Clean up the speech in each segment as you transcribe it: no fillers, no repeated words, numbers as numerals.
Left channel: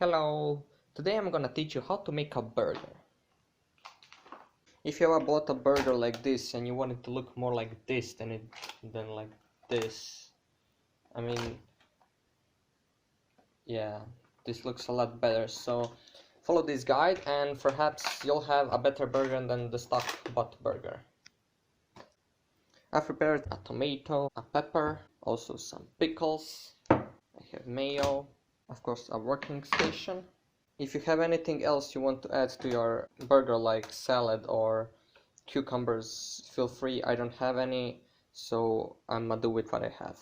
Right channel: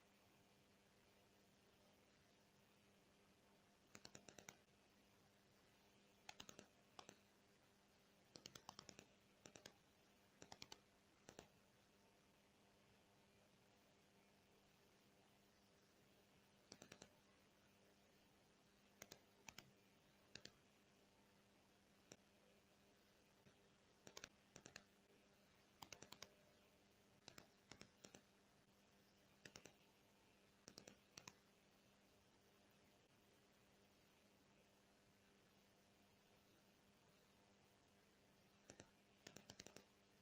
Hello! Today I'm gonna teach you how to make a burger. If you ever bought a burger like this and you want it to look more like this than like this, I mean, yeah, this looks a lot better. So follow this guide and perhaps you'll have a better burger than the stock bought burger. I've prepared a tomato, a pepper, also some pickles. I have mayo, of course a working station. If you have anything else you want to add to your burger, like salad or cucumbers, feel free. I don't have any, so I'm gonna do with what I have.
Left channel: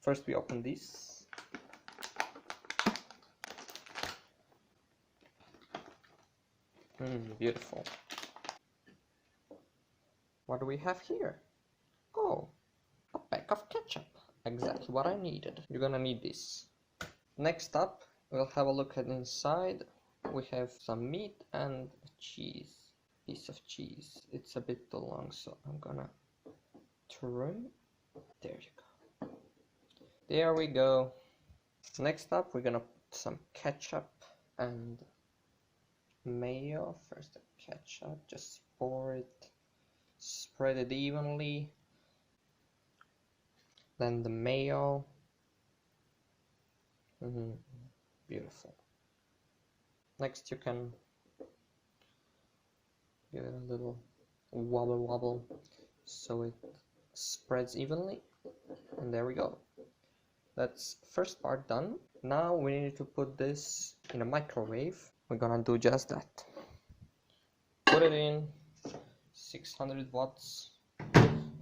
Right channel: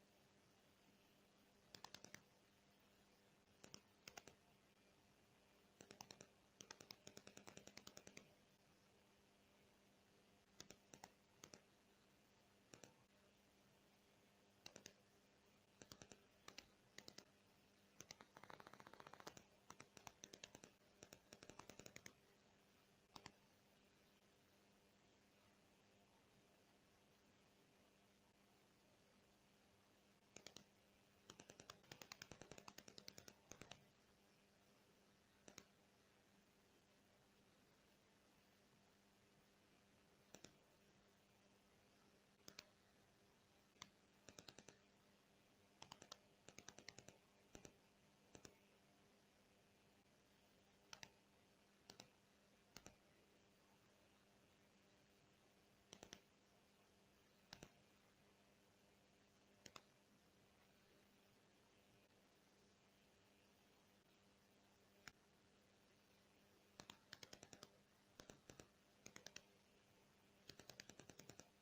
First we open this. Beautiful. What do we have here? Oh, a pack of ketchup. Exactly what I needed. You're gonna need this. Next up, we'll have a look at inside. We have some meat and cheese. Piece of cheese. It's a bit too long, so I'm gonna trim. There you go. There we go. Next up, we're gonna put some ketchup and mayo. First the ketchup, just pour it, spread it evenly. Then the mayo. Beautiful. Next you can give it a little wobble so it spreads evenly, and there we go. That's first part done. Now we need to put this in a microwave. We're gonna do just that. Put it in 600 watts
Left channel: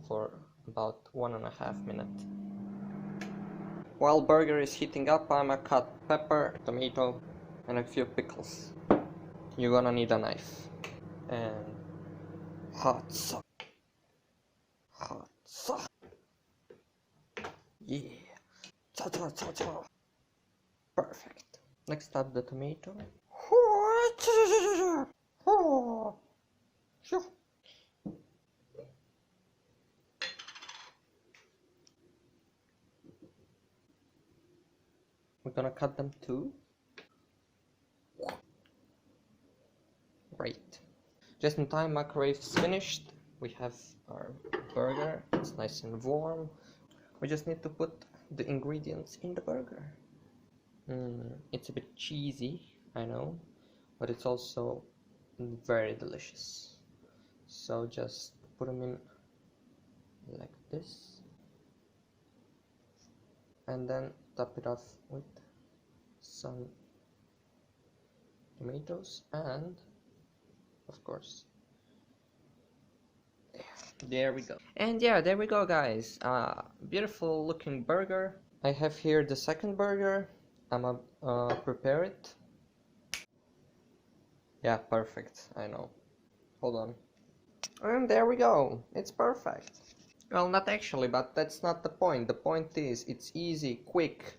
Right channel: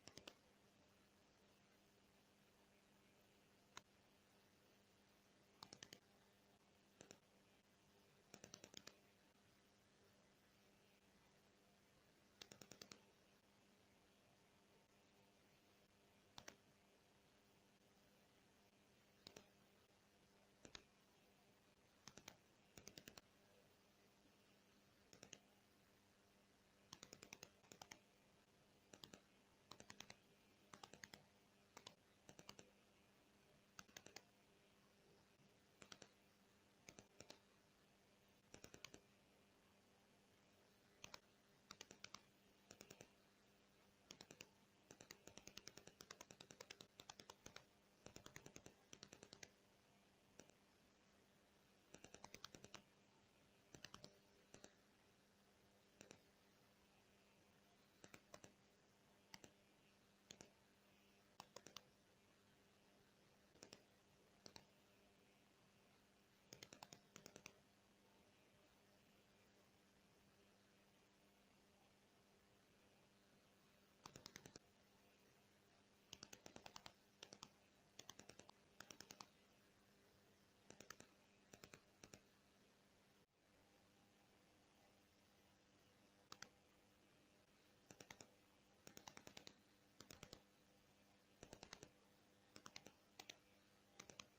for about 1.5 minutes. While burger is heating up, I'm gonna cut pepper, tomato, and a few pickles. You're gonna need a knife and hot sauce. Yeah. Perfect. Next up the tomato. We're gonna cut them too. Great. Just in time, microwave is finished. We have our burger. It's nice and warm. We just need to put the ingredients in the burger. It's a bit cheesy, I know, but it's also very delicious. So just put them in like this, and then top it off with some tomatoes and, of course, there we go. And yeah, there we go, guys. Beautiful looking burger. I have here the second burger. I'm gonna prepare it. Yeah, perfect. I know. Hold on. And there we go. It's perfect. Well, not actually, but that's not the point. The point is it's easy, quick,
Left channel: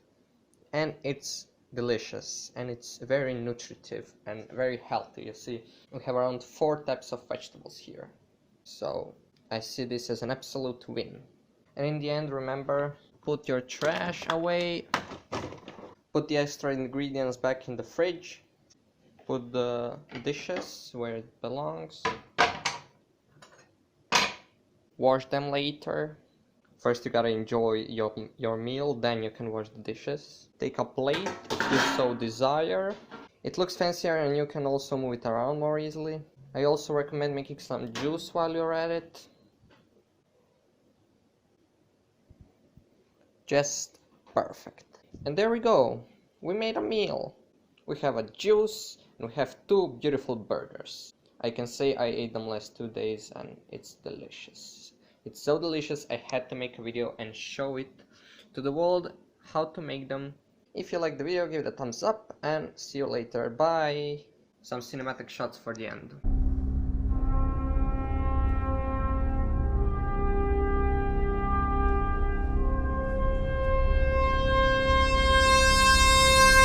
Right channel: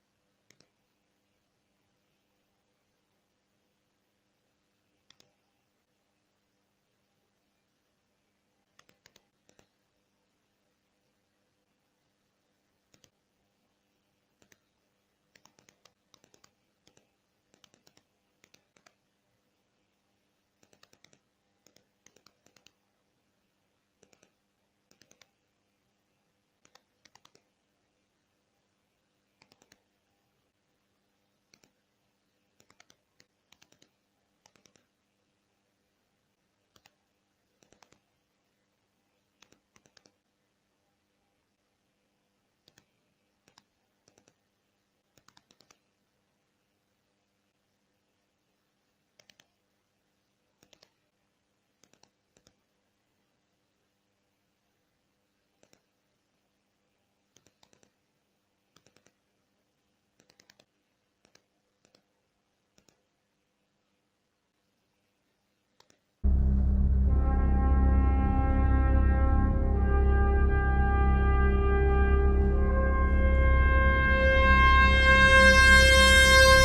and it's delicious, and it's very nutritive and very healthy. You see, we have around 4 types of vegetables here. So I see this as an absolute win. And in the end, remember, put your trash away, put the extra ingredients back in the fridge, put the dishes where it belongs, wash them later. First you gotta enjoy your meal, then you can wash the dishes. Take a plate if you so desire. It looks fancier and you can also move it around more easily. I also recommend making some juice while you're at it. Just perfect. And there we go. We made a meal. We have a juice and we have 2 beautiful burgers. I can say I ate them last 2 days and it's delicious. It's so delicious I had to make a video and show it to the world how to make them. If you like the video, give it a thumbs up and see you later. Bye! Some cinematic shots for the end.